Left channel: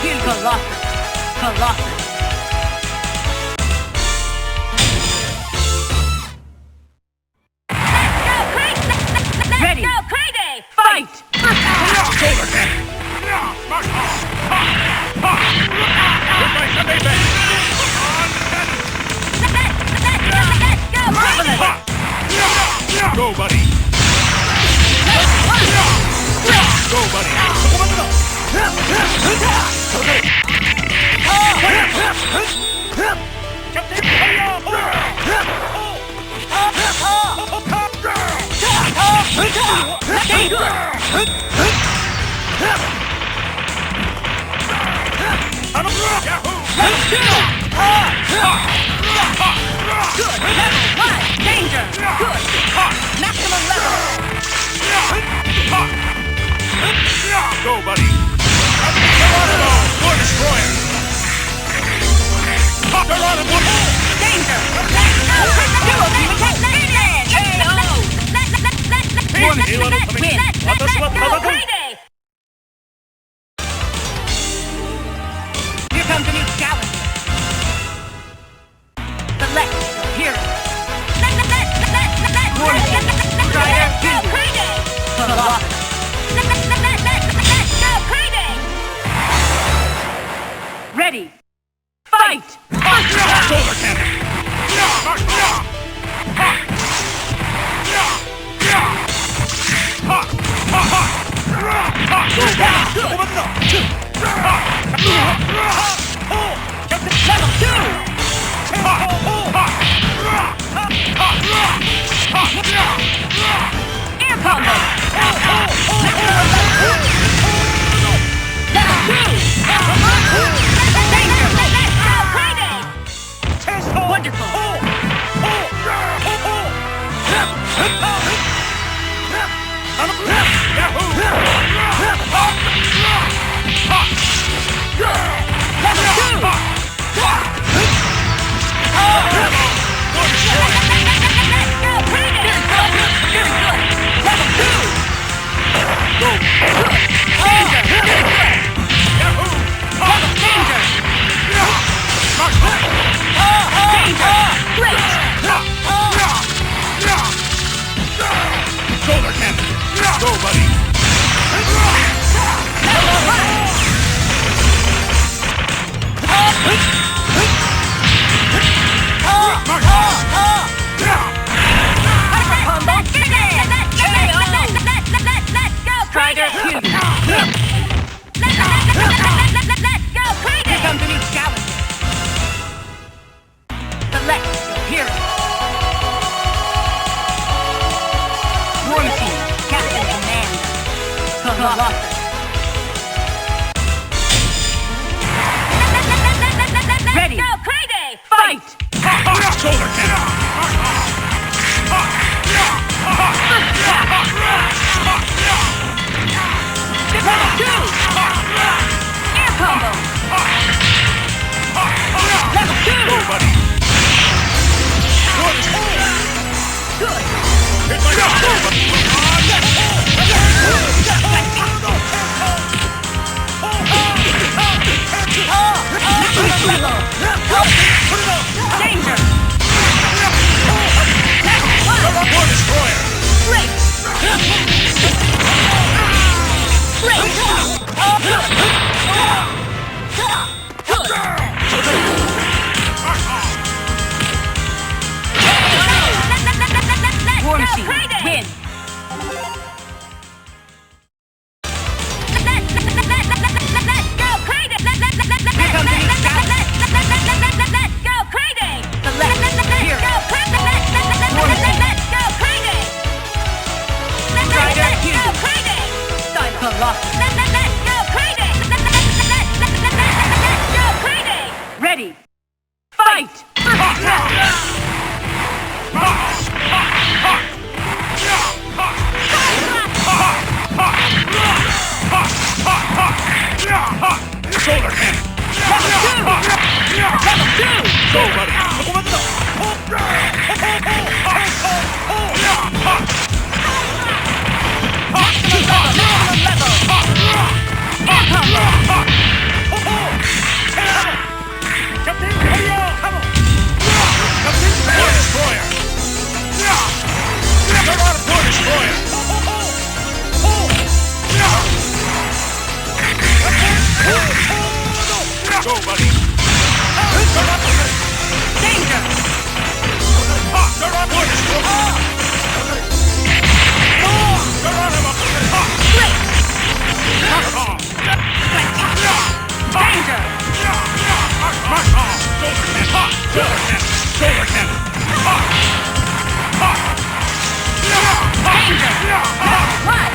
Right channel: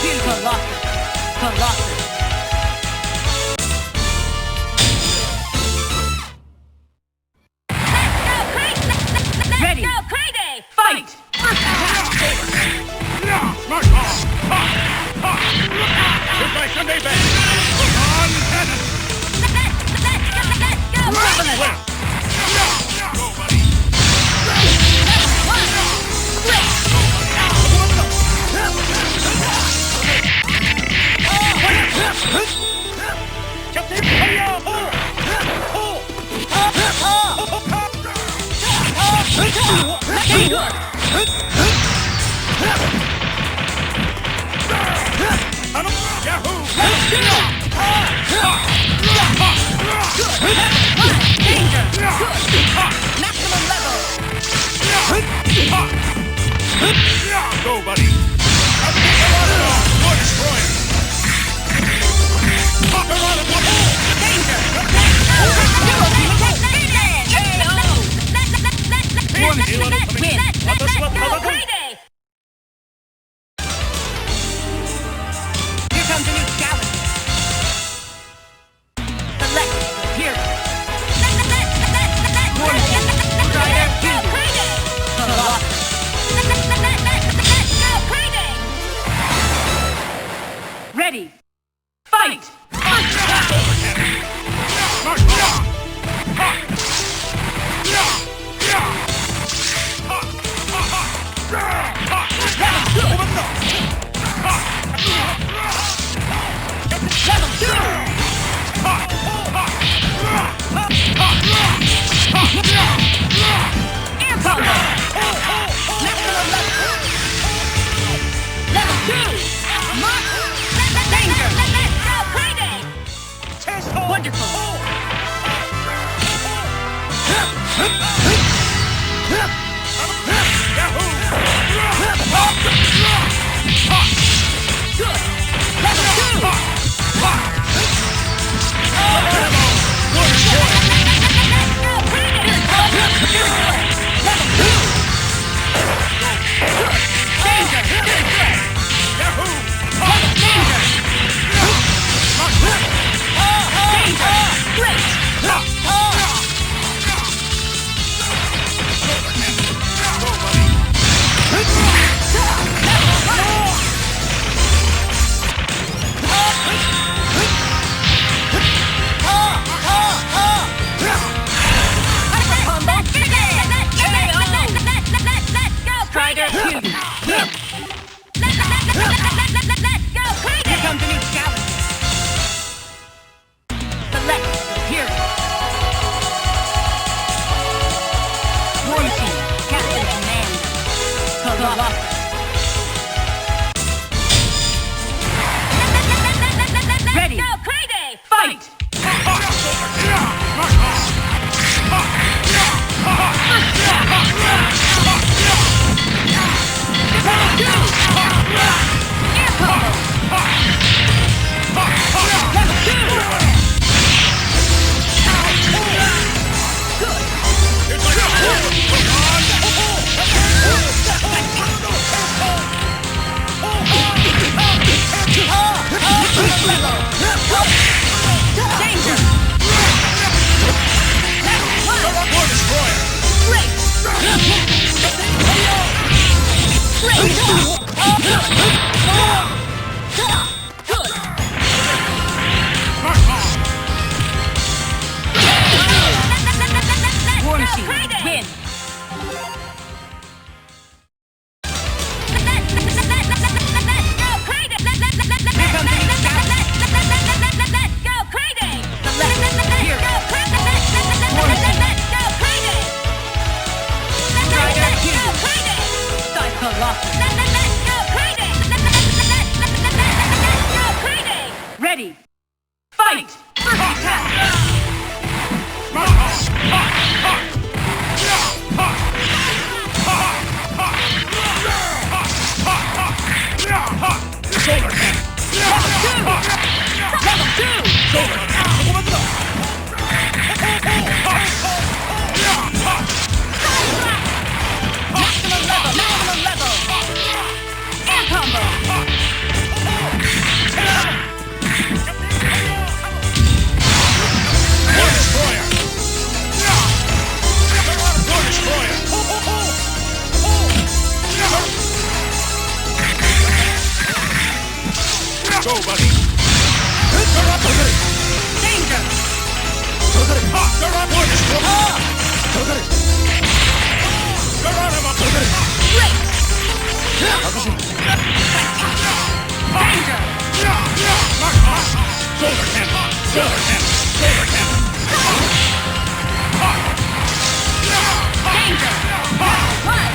Colossus. Colossus. Ready. Go crazy. Fight. Shoulder cannon. Mark off. Goodbye, Sunday back. On cannon. Go, buddy. Go, buddy. Danger. Good. Maximum level. Go, buddy. War destroyer. Danger. Dual team attack. Here comes a new challenger. Select your hero. Strider, Colossus. Ready. Fight! Shoulder cannon. Mark off. Level 2! Air combo! Level 2! Danger! Wonderful! Level 2! Go, buddy. Strider, here comes a new challenger. Select your hero. War Machine, Captain Command. Colossus. Ready. Go crazy. Fight. Shoulder cannon. Mark off. Level 2. Air combo. Level 2. Go, buddy. Good. It's like a Danger. War destroyer. Great. Great. Good. War Machine, win. Here comes the new challenge. Go crazy. Select hero. War Machine. Strider, hero. Colossus. Ready. Fight. Shoulder cannon. Level 2. Go, buddy. Maximum level. Air combo. War Destroyer! War Destroyer! Go, buddy! Danger! War Destroyer! Great! Danger! Shoulder cannon! Shoulder cannon! Shoulder cannon! Danger! Level 1!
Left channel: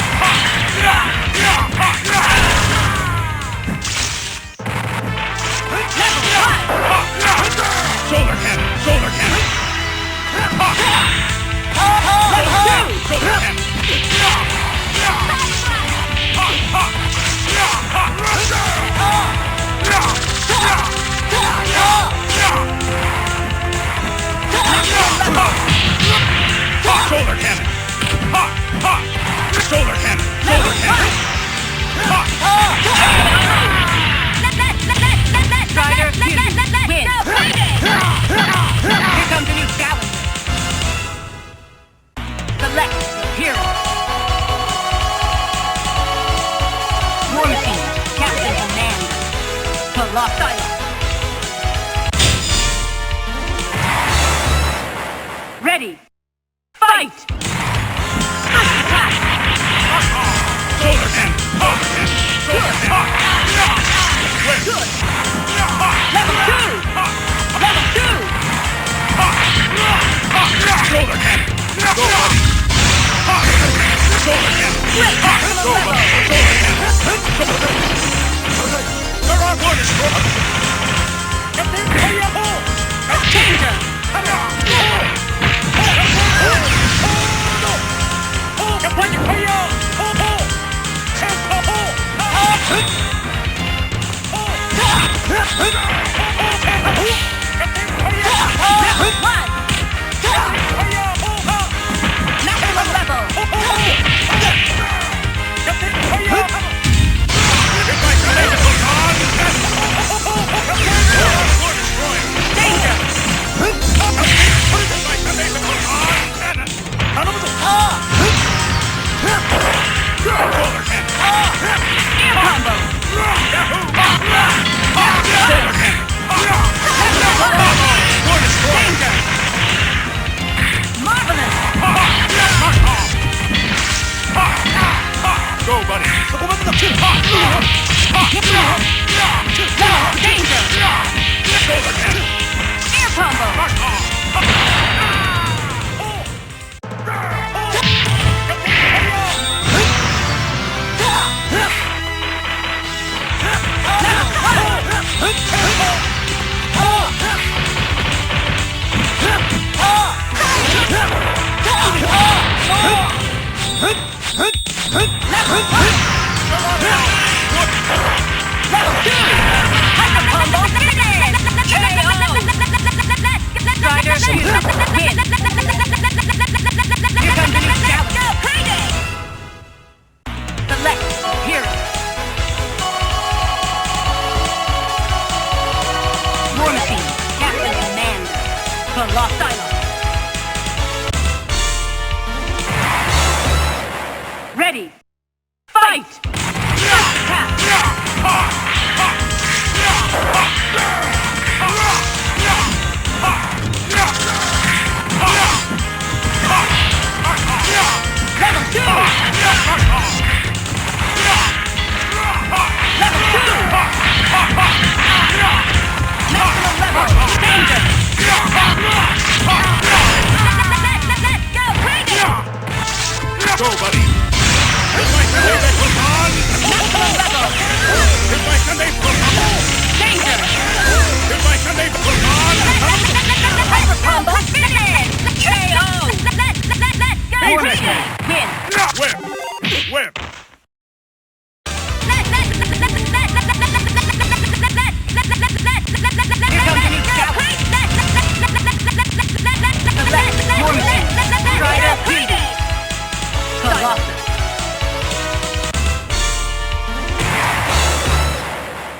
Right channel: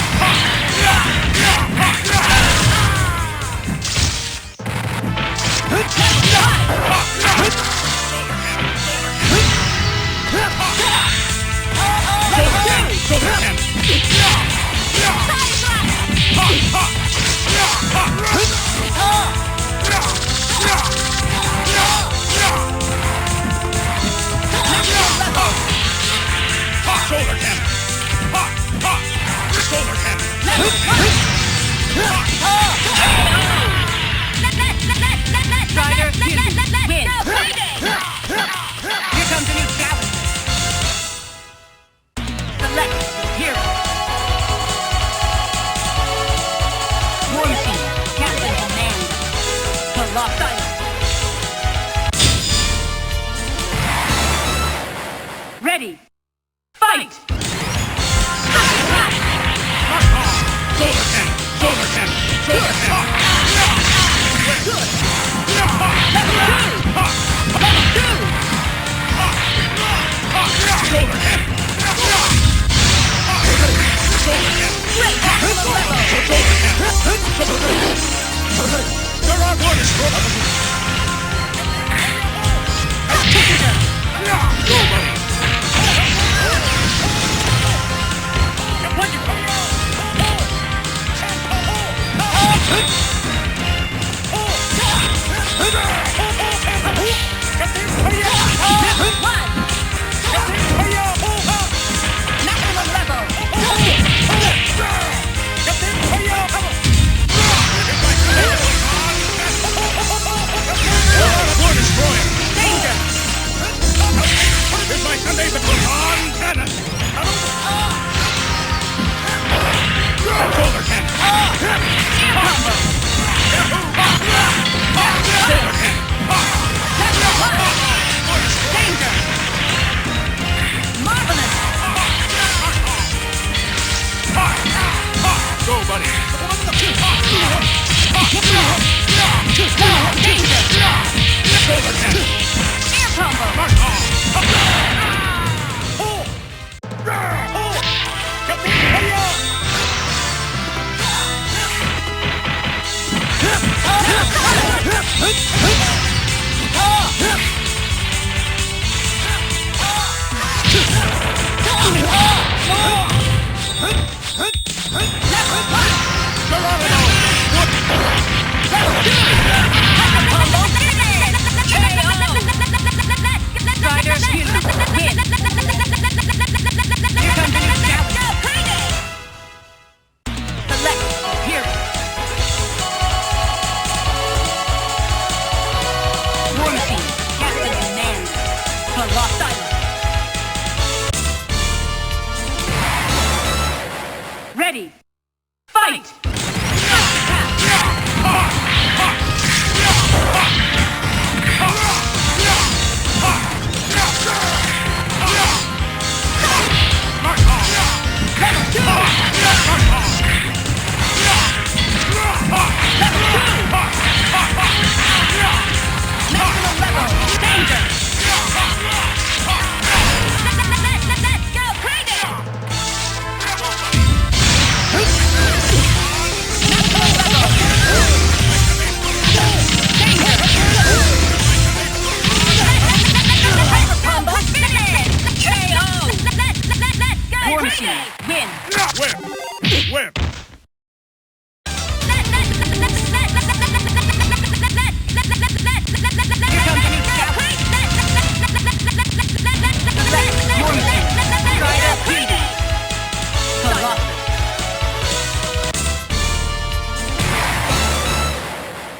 Shoulder cannon! Shoulder cannon! Level 2! Shoulder cannon! Shoulder cannon! Shoulder cannon! Level 1! Strider, win! Here comes a new challenger. Select your hero. War Machine, Captain Command. Colossal. Ready. Fight! Shoulder cannon! Shoulder cannon! Shoulder cannon! Good. Level 2! Level 2! Shoulder cannon! Go, buddy! Shoulder cannon! Great! Maximum level! Shoulder cannon! There are orders! Danger! Level 1! Maximum level! Danger! Shoulder cannon! Air combo! Shoulder cannon! Danger! Marvelous! Go, buddy! Danger! Shoulder cannon! Air combo! Ready! Fight! Level 2! Maximum level! Danger! Let's go crazy! Go, buddy! Maximum level! Danger! Hyper combo finish! KO! Let's go crazy! Win! Whip! Whip! Here comes a new challenge! Select your name! Strider Beauty! Colossus!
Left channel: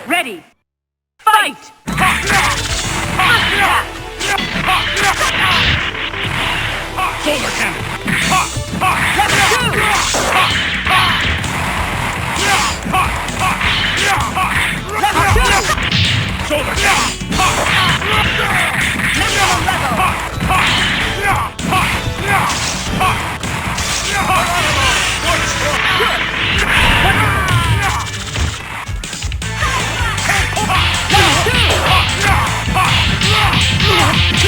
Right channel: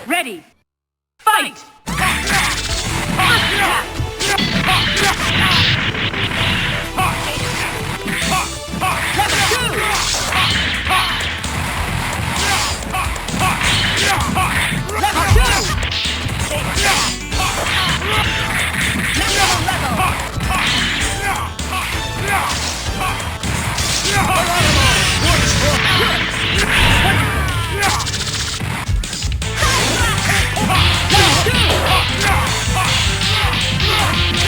Ready! Fight! Fight! Level 2! Level 2!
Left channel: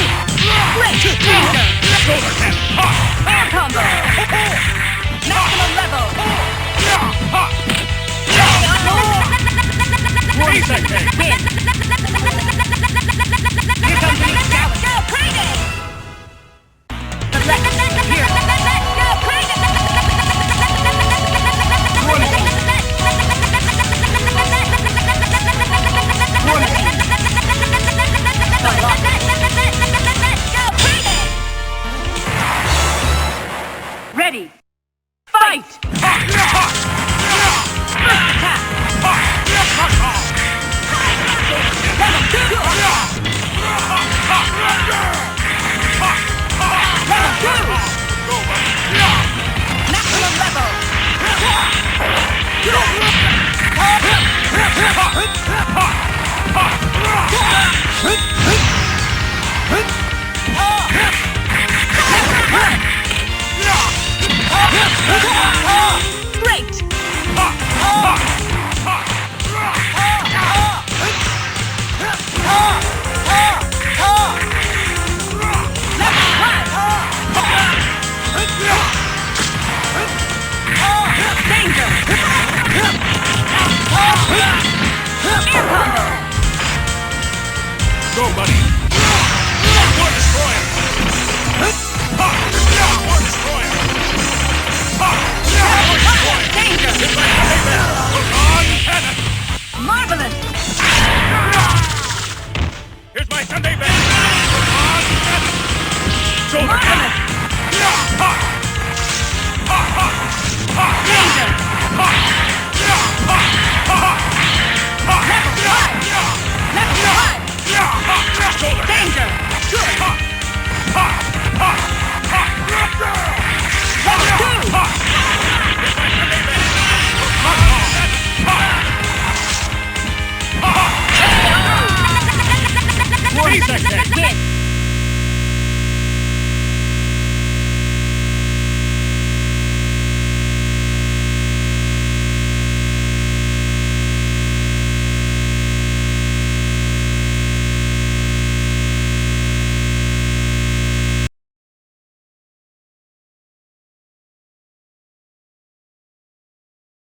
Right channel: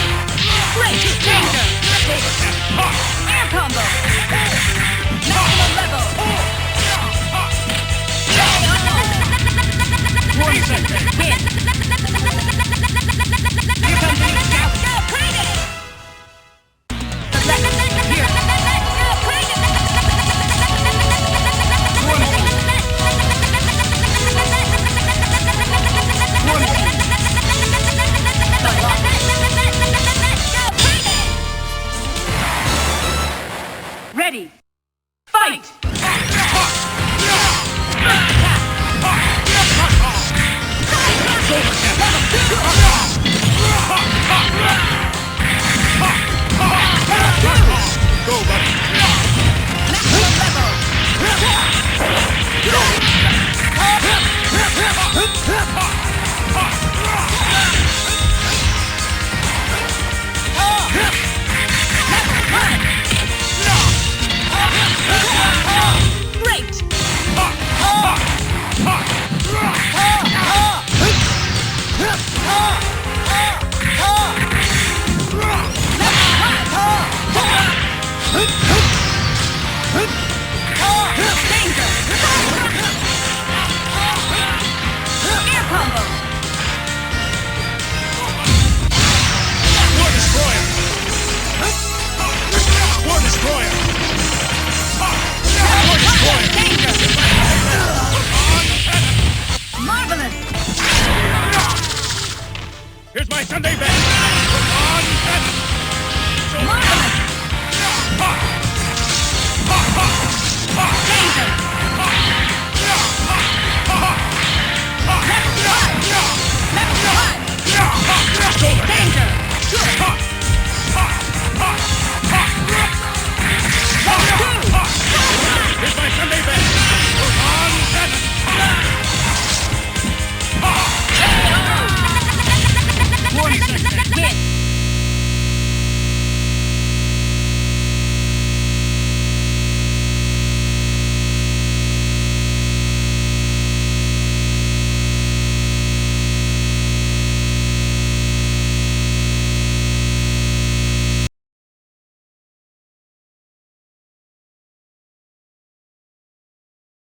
Maximum Air combo! Maximum level! Warning section! Win! Here comes the new scout! Go crazy! Select! Here! Go crazy! Warning! Warning! Ready! Fight! First attack! Level 2! Level 2! Go, buddy! Maximum level! Great! Danger! Air combo! Go, buddy! War Destroyer! War Destroyer! Danger! On cannon! Marvelous! Here's my Sunday best! On cannon! Marvelous! Danger! Level 5! Level 5! Danger! Good!